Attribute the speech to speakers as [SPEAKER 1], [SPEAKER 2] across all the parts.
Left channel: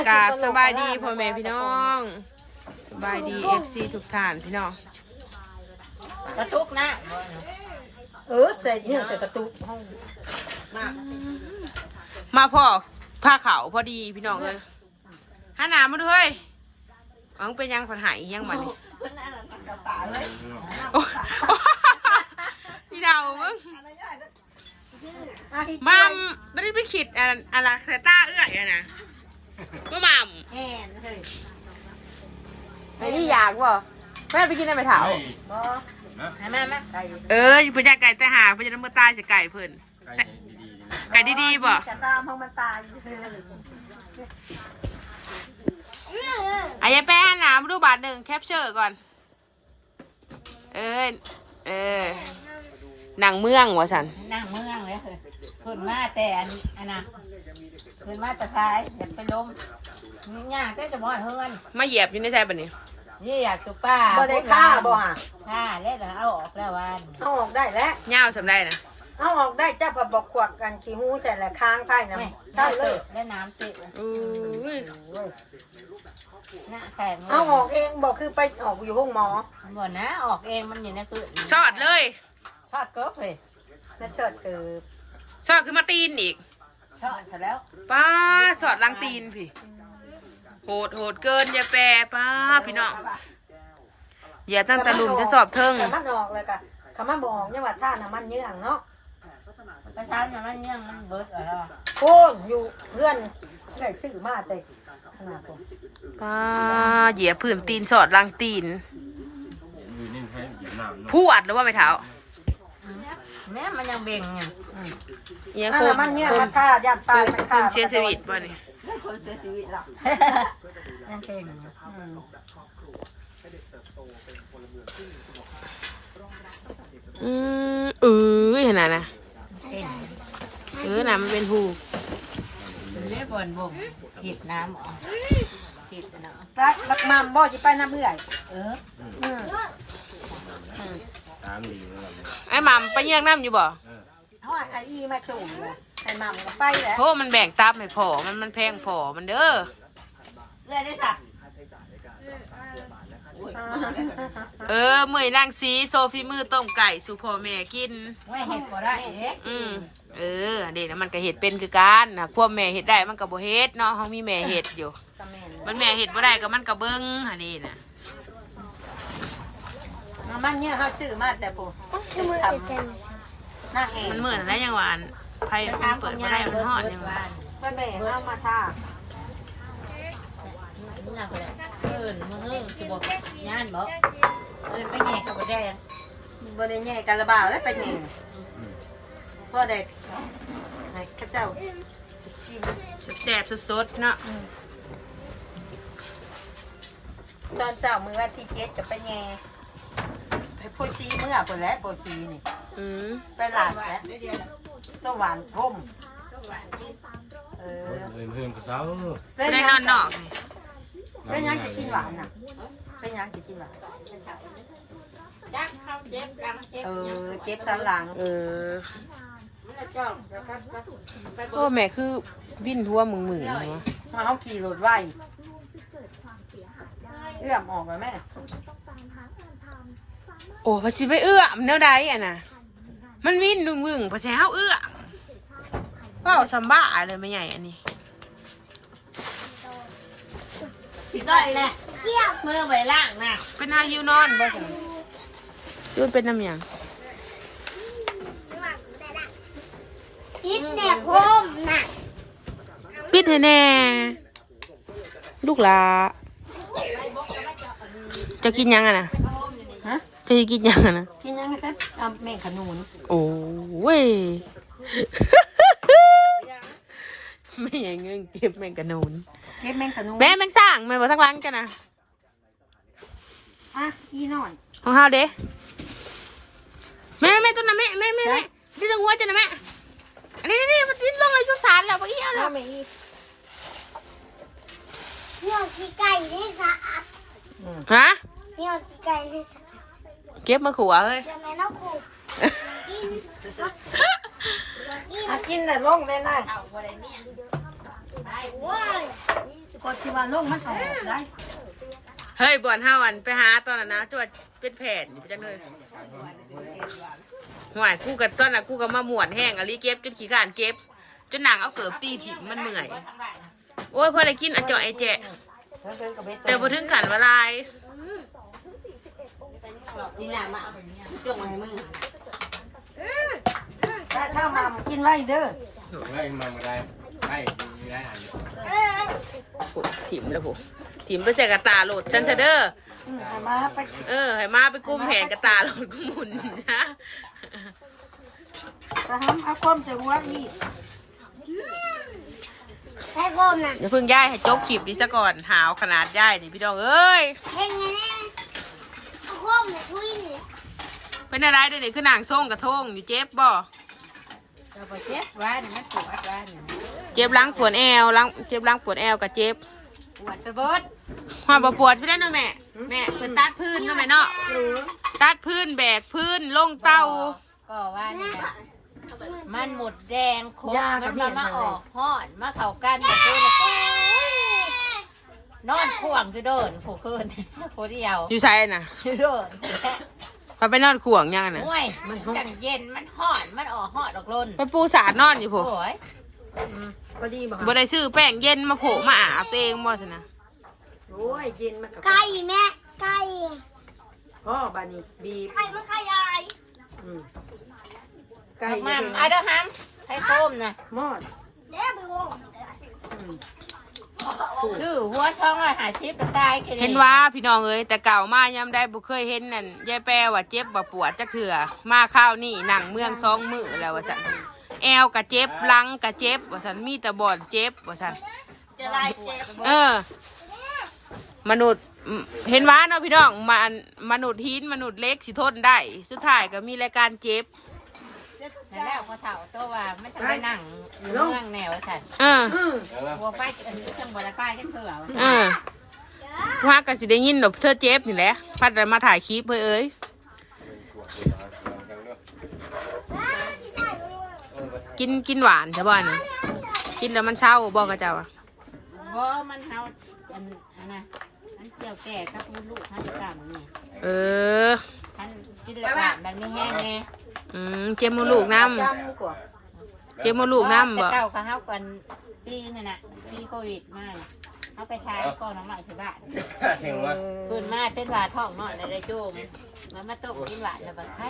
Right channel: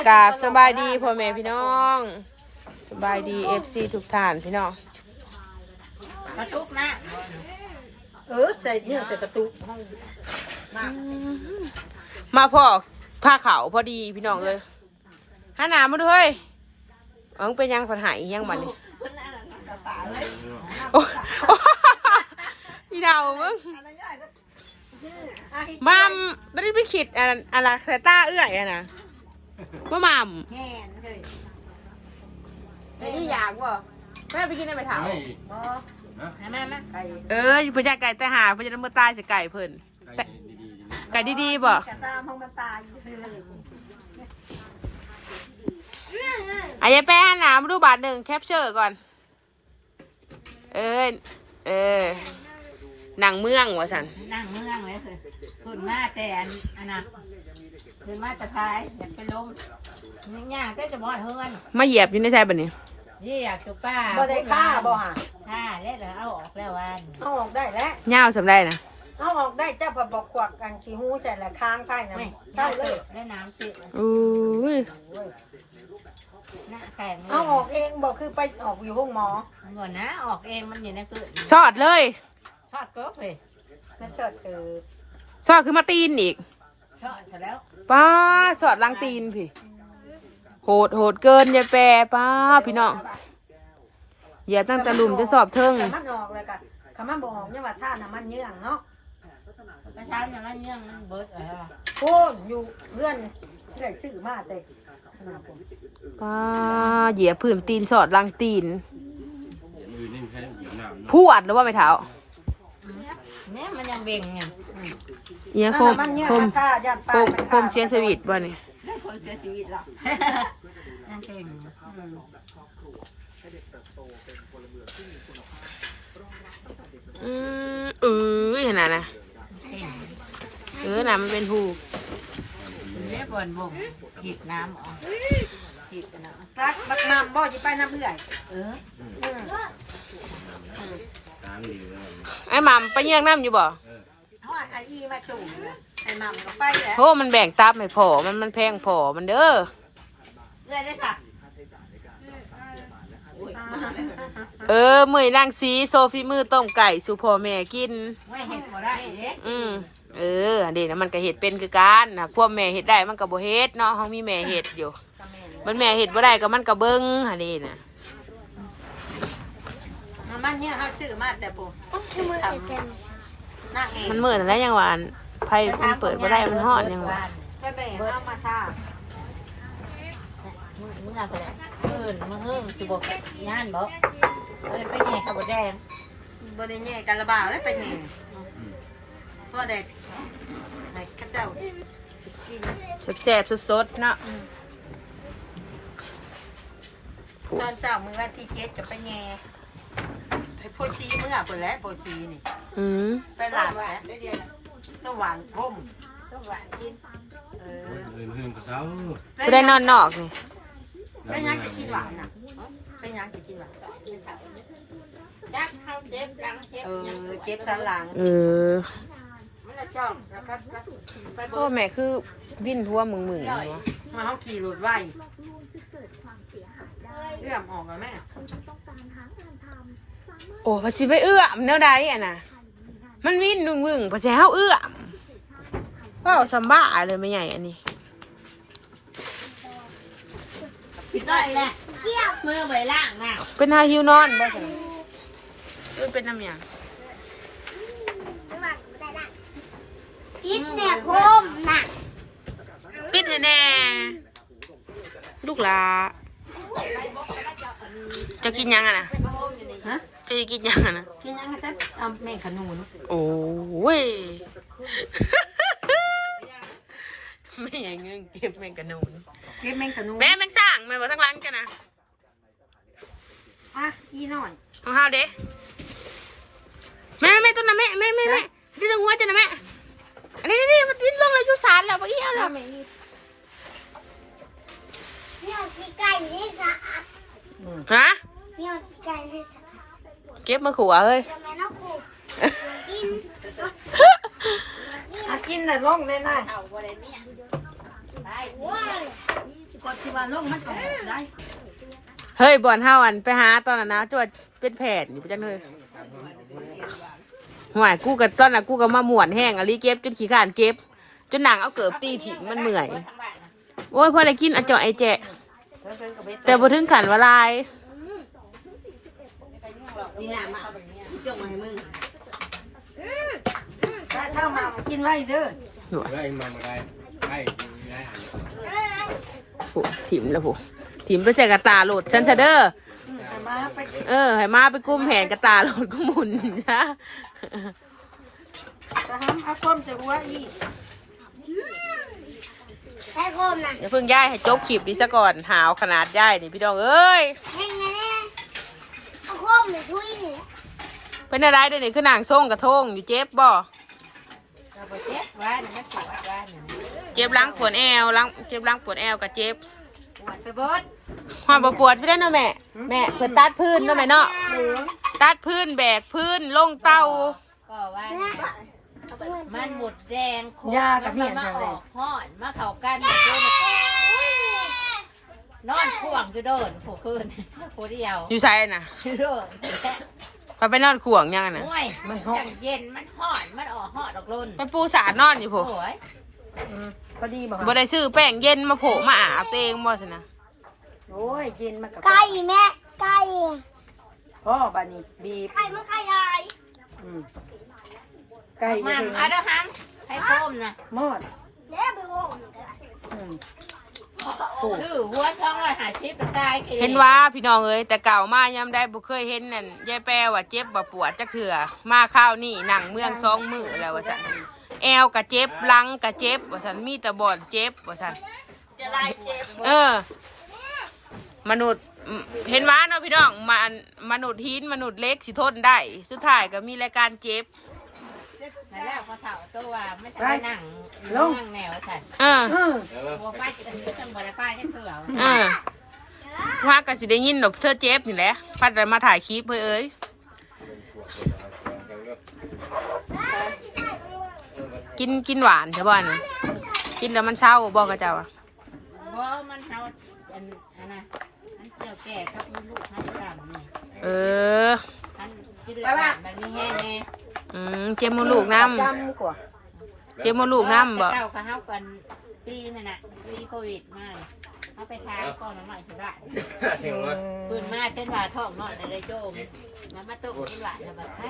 [SPEAKER 1] กราบสบายดีพ่อแม่พี่น้องสบายดีFCทุกท่านพี่น้อง
[SPEAKER 2] กระตุกนะใส่ยูใส่กระตุก
[SPEAKER 1] มาพ่อผ้าขาวพอดีพี่น้องเลยหาหนามาด้วยอ๋อเป็นยังผัดหายยังบัดนี้พี่ดาวมึงมัมไม่ได้ไปขิดอะไรเครต้าเอื้อยอะนะมัมไอ้นี่อยากบ่แม่ไปกินได้ไหมถาม
[SPEAKER 2] แม่
[SPEAKER 1] เพิ่นอยากไก่แต่หาเพิ่นจะน้ำมือตายสิไก่เพิ่นไก่ดีๆบ่อายายแป้หนามาดูบาทหนึ่งแคปเชอร์ก่อนหนังเมืองวะสัน
[SPEAKER 2] นั่งเมืองเลยคือขึ้นมาแต่อันนั้นขึ้นมาตะไคร้อยากไปล้มนี่ย่างก็จะบ่อยเฮือน
[SPEAKER 1] มาเหยียบอยู่ในใจแบบนี้
[SPEAKER 2] นี่อยากจุป้า
[SPEAKER 3] บ่ได้ฆ่าบ่ฮะ
[SPEAKER 2] ฆ่าแล้วเอาออกแล้ววัน
[SPEAKER 3] เอาออกได้แล้ว
[SPEAKER 1] เงาสำได้นะ
[SPEAKER 3] เอาออกได้จ้าพอบอกขวักกันขี้หูใส่ละค้างไปนะ
[SPEAKER 2] ใช่เลยได้น้ำติดหน้าแข็ง
[SPEAKER 3] เอาออกเองบอกคือไปออกอยู่ห้องหมอ
[SPEAKER 2] บ่นะออกเองมันอยู่ในคือ
[SPEAKER 1] สอดเลย
[SPEAKER 2] ชอดเกิบเลย
[SPEAKER 3] นั่นชอดเกิบ
[SPEAKER 1] สอดคือมาตีนอีก
[SPEAKER 2] ชอดเสร็จแล้ว
[SPEAKER 1] ป้าสอดลังตีนพี่โหดเกินยายแปรป้าพี่น้องอย่าตั้งตะลุมจะสอบเทิง
[SPEAKER 3] มันออกเลยกะคำว่าบอกเนี่ยว่าท่าน้ำมันเยื่องเนาะ
[SPEAKER 2] กระชันมันเยื่องมันเบิดอะไร
[SPEAKER 3] โอ้อยู่เพื่อนได้ชื่อมาแต่
[SPEAKER 1] ป้าเหยียบพื้นตีนสอดลังตีนพวดหรือว่าไม่เท้า
[SPEAKER 2] แม่มันยังเบ่งไง
[SPEAKER 3] มันเยื่องท่ายันตาย
[SPEAKER 1] คมเสียชีวิตบ่เนี่ย
[SPEAKER 3] คมเสียชีวิตหรอ
[SPEAKER 2] นั่นเอง
[SPEAKER 1] ขนาดนะน้ำมันเป็นหู
[SPEAKER 2] เรียบบอลบุ๋งผิดน้ำอ๋อผิดนะ
[SPEAKER 3] รักมาบ่จะไปน้ำเพื่อน
[SPEAKER 1] ไอ้หม่ำไปเยี่ยงน้ำอยู่บ่
[SPEAKER 3] เอาไอ้อีมาโชว์ไอ้หม่ำก็ไปแล้ว
[SPEAKER 1] โอ้มันแบ่งตับไม่พอมันแพงพอมันเด้อ
[SPEAKER 3] เลยได้ค่ะ
[SPEAKER 1] เมื่อยร่างสีโซฟีมือต้มไก่สุพ่อแม่กิน
[SPEAKER 2] ไม่เห็ดบ่ได้
[SPEAKER 1] อันนี้นะมันก็เห็ดเป็นคือกันนะพวกแม่เห็ดได้มันก็บ่เห็ดเนาะเขามีแม่เห็ดอยู่มันแม่เห็ดบ่ได้ก็มันก็เบิ้งอันนี้นะ
[SPEAKER 3] มันเนี่ยเขาชื่อมาแต่ปุ๊
[SPEAKER 1] มันเหมือนอะไรยังหวานไพ่มันเปิดบ่ได้มันห่อนยังหวาน
[SPEAKER 3] ไม่แบ่งเอามาท่า
[SPEAKER 2] มึงสิบอกงานบ่ไปแย่กับบ่แดง
[SPEAKER 3] บ่ได้แย่กันระบาดแล้วไปแย่พ่อเด็กข้าเจ้า
[SPEAKER 1] แซ่บๆสดๆเนาะ
[SPEAKER 3] ตอนเช้ามื้อวันที่7จะไปแย่ไอ้โพชีเมื่อเปิดแล้วโพชีนี่ไปหลานแล้วต้องหวานพุ่ม
[SPEAKER 2] ต้องหวานกิน
[SPEAKER 4] เรื่องกับเขา
[SPEAKER 1] ไปได้นอนนอกนี่
[SPEAKER 3] ไม่ยังจะกินหวานนะไม่ยังจะกินหวานเจ็บสันหลัง
[SPEAKER 1] ก็แม่คือวิ่นทั่วมึงเนาะ
[SPEAKER 3] มันต้องขี่รถไว้เอื้อมออกเลยแม่
[SPEAKER 1] โอ้พอสิไปเอื้อมแนวใดอ่ะนะมันวิ่นมึงพอสิเฮาเอื้อมก็สัมบ้าเลยไม่ใหญ่อันนี้
[SPEAKER 2] ผิดได้แหละมือไปล่างนะ
[SPEAKER 1] เป็นฮาฮิวนอนบ่ใช่ด้วยเป็นน้ำยาง
[SPEAKER 5] ปิดแน่คมนะ
[SPEAKER 1] ปิดให้แน่ลูกหลาจะกินยังอะนะจะกินยังอะนะ
[SPEAKER 3] กินยังครับแม่ขนุน
[SPEAKER 1] โอ้ยไม่อย่างเงี้ยเก็บแมงกะนูน
[SPEAKER 3] เก็บแมงกะนูน
[SPEAKER 1] แม่แมงสร้างแม่บอกทั้งร้านกันนะ
[SPEAKER 3] อีหน่อย
[SPEAKER 1] ของเฮาเด้แม่ต้นนะแม่ที่ตรงหัวจะนะแม่อันนี้มันดิ้นลงเลยจุสารแล้วบ่อีเอาแล้ว
[SPEAKER 5] เนี่ยขี้ไก่ให้สะอาด
[SPEAKER 1] ฮะ
[SPEAKER 5] เนี่ยขี้ไก่ให้สะอาด
[SPEAKER 1] เก็บมาขัวเลย
[SPEAKER 5] จะไม่ต้องขู่
[SPEAKER 3] กินเลยลงเลยนะ
[SPEAKER 5] โอ้ย
[SPEAKER 3] ก็ชีวาลงมันก็ได้
[SPEAKER 1] เฮ้ยบ่อนเฮาอันไปหาตอนนั้นนะจวดเป็นแผนอยู่จังเลยห่วยกูกับตอนน่ะกูก็มาหมวนแห้งอะลิเก็บจนขี้ข้านเก็บจนหนังเอาเกิบตีถิ่มมันเมื่อยโอ้ยพอได้กินอะเจาะไอแจะแต่พอถึงขันวลาย
[SPEAKER 3] นี่หน้ามาจงไว้มึงถ้ามากินไว้เด้อ
[SPEAKER 4] แล้วเองมาได้ได้มีได้หัน
[SPEAKER 1] โอ้ถิ่มแล้วผมถิ่มไปใส่กระตาโหลดฉันเชเด้อ
[SPEAKER 3] มาไป
[SPEAKER 1] ให้มาไปกุ้มแหนกระตาโหลดก็หมุนจ้ะ
[SPEAKER 3] จะทำเอาก้มจะหัวอีก
[SPEAKER 5] แค่โคมน่ะ
[SPEAKER 1] อย่าเพิ่งย่ายให้จบคลิปนี้ซะก่อนหาวขนาดย่ายนี่พี่น้องเอ้ย
[SPEAKER 5] เพ่งไงเนี่ยเอาโคมน่ะช่วยนี่
[SPEAKER 1] เป็นอะไรเดี๋ยวนี้คือนางส่งกระทงอยู่เจ็บบ่
[SPEAKER 2] เราไปเช็คไว้มันปวดไว้เนี่ย
[SPEAKER 1] เจ็บหล้างปวดแอวเจ็บหล้างปวดแอวกับเจ็บ
[SPEAKER 2] ปวดไปเบิด
[SPEAKER 1] ความปวดพี่ได้เนาะแม่แม่เพิ่นตัดพื้นเนาะแม่เนาะตัดพื้นแบกพื้นลงเตา
[SPEAKER 2] ก็ว่าเนี่ยมันหมดแดงโคกมันมาออกห่อนมาเข่ากันแบบโคนนอนข่วงคือโดนผู้คืนผู้เดียว
[SPEAKER 1] อยู่ใส่น่ะ
[SPEAKER 2] คือโดน
[SPEAKER 1] พอไปนอนข่วงยังน่ะ
[SPEAKER 2] ห่วยมันจังเย็นมันห่อนมันออกห่อนออกลน
[SPEAKER 1] ไปปูสาดนอนอยู่ผม
[SPEAKER 2] โอ้ย
[SPEAKER 3] พอดีบ่
[SPEAKER 1] บ่ได้ซื้อแป้งเย็นมาโผล่มาอาบตัวเองบ่สินะ
[SPEAKER 3] โอ้ยกินมันก็
[SPEAKER 5] ไก่แม่ไก่
[SPEAKER 3] พ่อบานี่บีบ
[SPEAKER 5] ไก่มันไก่ใหญ่
[SPEAKER 3] ไก่
[SPEAKER 2] งามเอาเด้อฮัมใช้โค้มนะ
[SPEAKER 3] หมด
[SPEAKER 5] เดี๋ยวไปโว้ง
[SPEAKER 2] ชื่อหัวช่องเลยหาชิปตาย
[SPEAKER 1] เห็นว่าพี่น้องเอ้ยแต่เก่ามายามได้บ่เคยเห็นนั่นยายแปรว่าเจ็บบ่ปวดจักเถื่อมาข้าวนี่หนังเมือง2มื้อแล้วว่าซั่นแอวก็เจ็บหลังก็เจ็บว่าซั่นมีแต่บ่อนเจ็บว่าซั่นมนุษย์เห็นว่าเนาะพี่น้องมนุษย์หินมนุษย์เล็กสิทนได้สุดท้ายก็มีรายการเจ็บ
[SPEAKER 2] แล้วพอเถ่าตัวว่าไม่จะไปนั่งเรื่องแนวฉัน หัวไปอันนี้ก็จังบอลไปนี่คือเอา
[SPEAKER 1] ว่าก็สิได้ยินดอกเธอเจ็บนี่แหละพัดแต่มาถ่ายคลิปเอ้ยกินหวานใช่ป่ะนี่กินแล้วมันเศร้าบอกกับเจ้าอ่ะ
[SPEAKER 2] เพราะมันเขาอันนะอันเจียวแก่ครับมีลูกให้ต่ำนี่ อันกินแล้วแบบนี้แห้งไง
[SPEAKER 1] เจ็บมดลูกน้ำเจ็บมดลูกน้ำบ่
[SPEAKER 2] เก่าเขาเขากันปีนั่นน่ะปีโควิดมาเขาไปทานก่อนน้ำใหม่ที่บ้าน
[SPEAKER 4] เสียงว่า
[SPEAKER 2] ปืนมาเต้นหวาท้องนอนอะไรโจมมันมาตกกินหวานแล้วแบบไข่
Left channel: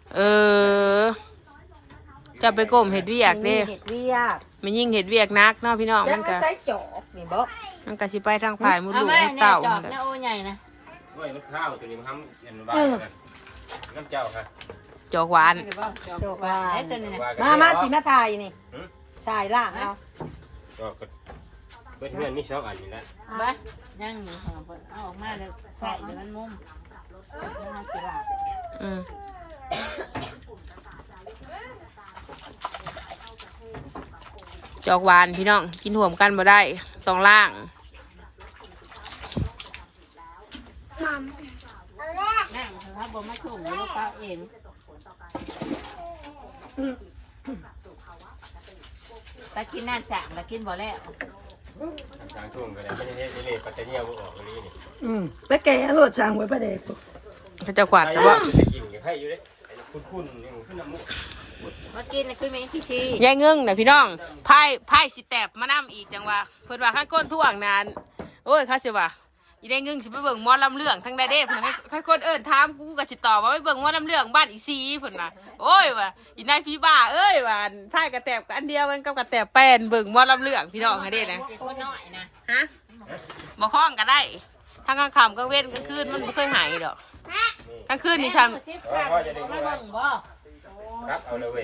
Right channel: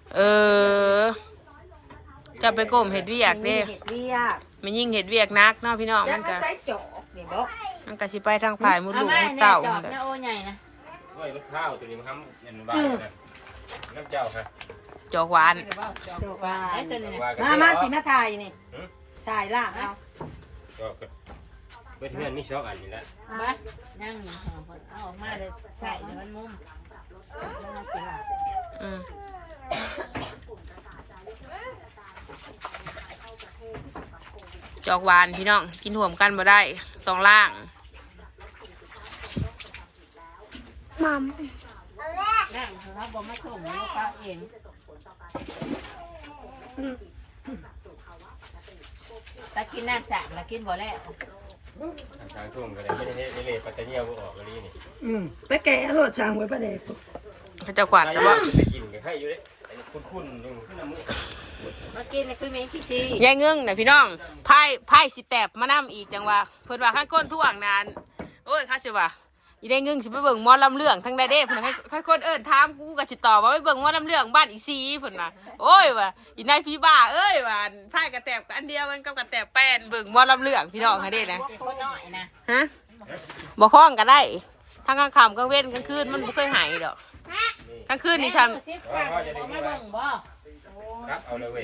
[SPEAKER 1] จะไปก้มเห็ดเวียกเด้
[SPEAKER 3] เห็ดเวียก
[SPEAKER 1] มันยิ่งเห็ดเวียกนักเนาะพี่น้องมันก็
[SPEAKER 3] ใส่จอกนี่บ่
[SPEAKER 1] มันก็สิไปทางฝ่ายมดลูกมด
[SPEAKER 2] เต่า
[SPEAKER 1] เต่า
[SPEAKER 2] เนี่ยโอ้ใหญ่นะ
[SPEAKER 4] ด้วยรถข้าวตัวนี้มันทำยันบ้านเลยน้ำเจ้าค่ะ
[SPEAKER 1] จอกหวาน
[SPEAKER 2] จอกว่าไอ้ตัวนี้นะ
[SPEAKER 3] มาสิมาถ่ายนี่ถ่ายล่ะเอา
[SPEAKER 4] จอกเพื่อนเพื่อนนี่ชอบอ่านนี่นะ
[SPEAKER 2] บ้านนั่งอยู่สองคนเอาออกมาเลยใส่เดี๋ยวมันมุมแล้วมันกินหลับ
[SPEAKER 1] จอกหวานพี่น้องกินห่วมกันบ่ได้ต้องล่าง
[SPEAKER 5] มัม
[SPEAKER 2] นั่งเขาบอกมาส่งแล้วก็เองตะกินน้ำสั่งแล้วกินบ่แล้ว
[SPEAKER 4] การทุ่งกันเลยไม่ได้ไม่ได้ปัตตานีก็ออกกันนี่นี่
[SPEAKER 3] ไปแกะรถสั่งไว้ประเดี๋ยว
[SPEAKER 1] เขาจะกวาดจะว่า
[SPEAKER 4] ไปกินกันให้อยู่เลยคุ้นๆยังขึ้นน้ำ
[SPEAKER 2] มากินคือมีที่ชี
[SPEAKER 1] ยายเงึ้งนะพี่น้องไพ่สิแตบมานํอีกจังว่าเพิ่นว่าขั้นก้นท่วงนานโอ้ยเขาสิว่าอีได้เงึ้งสิไปเบิ่งหมอลำเรื่องทั้งใดเด้เพิ่นให้ขั้นคนถามกูก็สิตอบว่าไปเบิ่งหมอลำเรื่องบ้านอีซีเพิ่นว่าโอ้ยว่าอีนายพี่บ้าเอ้ยว่าไพ่กระแตบอันเดียวกันกับกระแตบแป้นเบิ่งหมอลำเรื่องพี่น้องให้เด้นะ
[SPEAKER 2] คนหน่อยนะ
[SPEAKER 1] ฮะบ่คล้องก็ได้ทั้งกลางค่ำกลางเว้นกลางคืนมันบ่เคยหายดอกกลางคืนนี่ซ้ำ
[SPEAKER 2] ซิฟฟ้ามาเบิ่งบ่
[SPEAKER 4] ครับเอาเลยเว้ย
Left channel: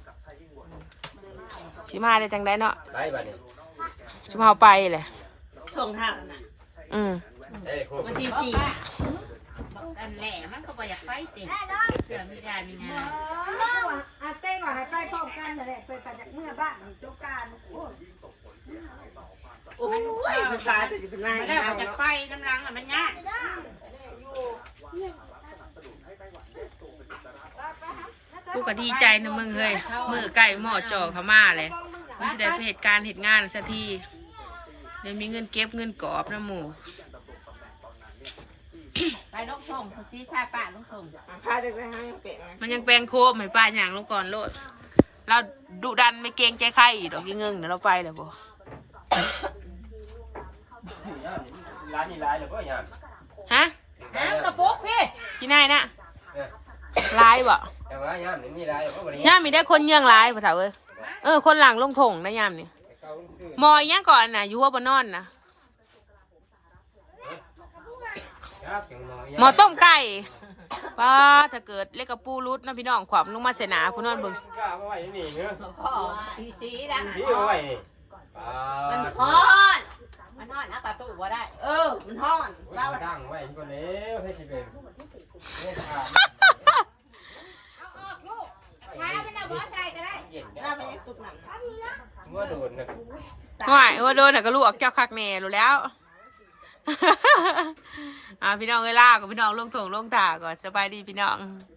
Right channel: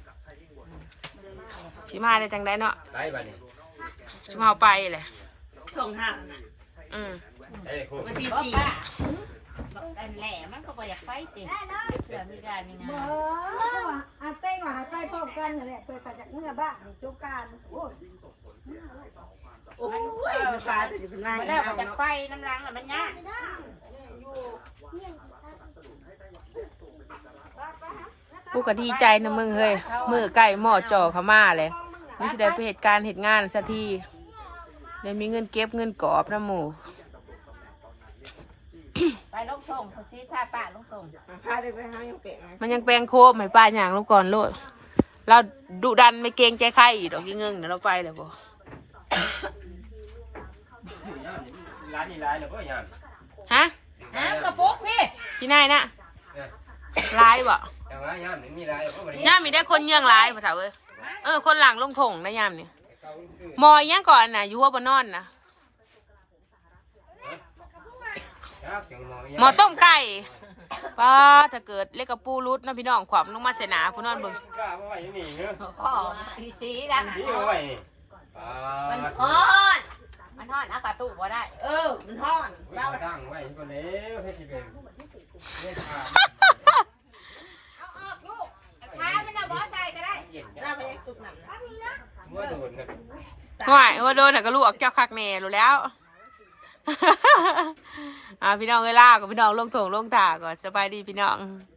[SPEAKER 1] สิมาได้จังไดเนาะ
[SPEAKER 4] ไปบ้านนี่
[SPEAKER 1] สิมาเอาไปแหละ
[SPEAKER 3] ส่งทางน่ะ
[SPEAKER 4] เอ้ยคุณ
[SPEAKER 3] วันที่
[SPEAKER 2] ป้า
[SPEAKER 3] สี่
[SPEAKER 2] อันแหล่มันก็บ่อยากไปติเสือมีได้มีนา
[SPEAKER 3] อาเต้นว่าให้ไปพร้อมกันนั่นแหละไปปัดจากเมื่อบ้านนี่โจกการโอ้ยภาษาแต่จะเป็นไร
[SPEAKER 2] แล้ว
[SPEAKER 3] เอา
[SPEAKER 2] จะ
[SPEAKER 3] เนาะ
[SPEAKER 2] ไปน้ำรังมันยาก
[SPEAKER 1] กูก็ดีใจนะมึงเฮ้ยมือใกล้หม้อจ่อเขามาเลยไม่ใช่ได้ไปเหตุการณ์เหตุงานสักทีเดี๋ยวมีเงินเก็บเงินกอบนะหมู
[SPEAKER 2] ไปลูกส่งซีท่าป้าลูกส่ง
[SPEAKER 3] พาเด็กไปหายังเป็ด
[SPEAKER 1] มันยังแปลงโคมให้ป้าอย่างลงก่อนโลดเราดุดันไม่เกรงใจใครอีกดอกยังเงิงเดี๋ยวเราไปเลยบ่
[SPEAKER 4] ร้านนี้ร้านเลยก็ยัง
[SPEAKER 1] ฮะ
[SPEAKER 2] อ้าวกระปุกพี่
[SPEAKER 1] ที่ไหนนะลายบ่
[SPEAKER 4] แต่ว่าย่ามนี่มีร้านก็มัน
[SPEAKER 1] ย่ามมีได้คนเยี่ยงลายภาษาเว้ยคนหลังลงถงนะย่ามนี่มอยยังก่อนน่ะอยู่หัวบนนอนนะหมอต้มไก่ป้าถ้าเกิดเล็กกับปูรุดนะพี่น้องขวามลงมาเสนาผู้นอนเบิ่ง
[SPEAKER 4] กล้ามาไว้นี่เนอะ
[SPEAKER 2] พ่อพี่ซีดัง
[SPEAKER 4] นี่มาไว้นี่
[SPEAKER 3] มันฮ้อน
[SPEAKER 2] มันทอดเอากระตู้บ่ได้
[SPEAKER 3] มันฮ้อน
[SPEAKER 4] เราตั้งไว้คนเลี้ยวให้สิเป็น
[SPEAKER 2] ท้ามันเอาบ่ใส่ก็ได้
[SPEAKER 4] เย็น
[SPEAKER 3] หน้าไปยังตุกหนัง
[SPEAKER 4] เมื่อโดนนะ
[SPEAKER 1] ว่าโดนแต่ก็ลวกเจ้าคักแน่รู้แล้ว พี่น้องเอ้ยลากับพี่น้องลงถงลงตาก่อนสบายดีพี่น้อง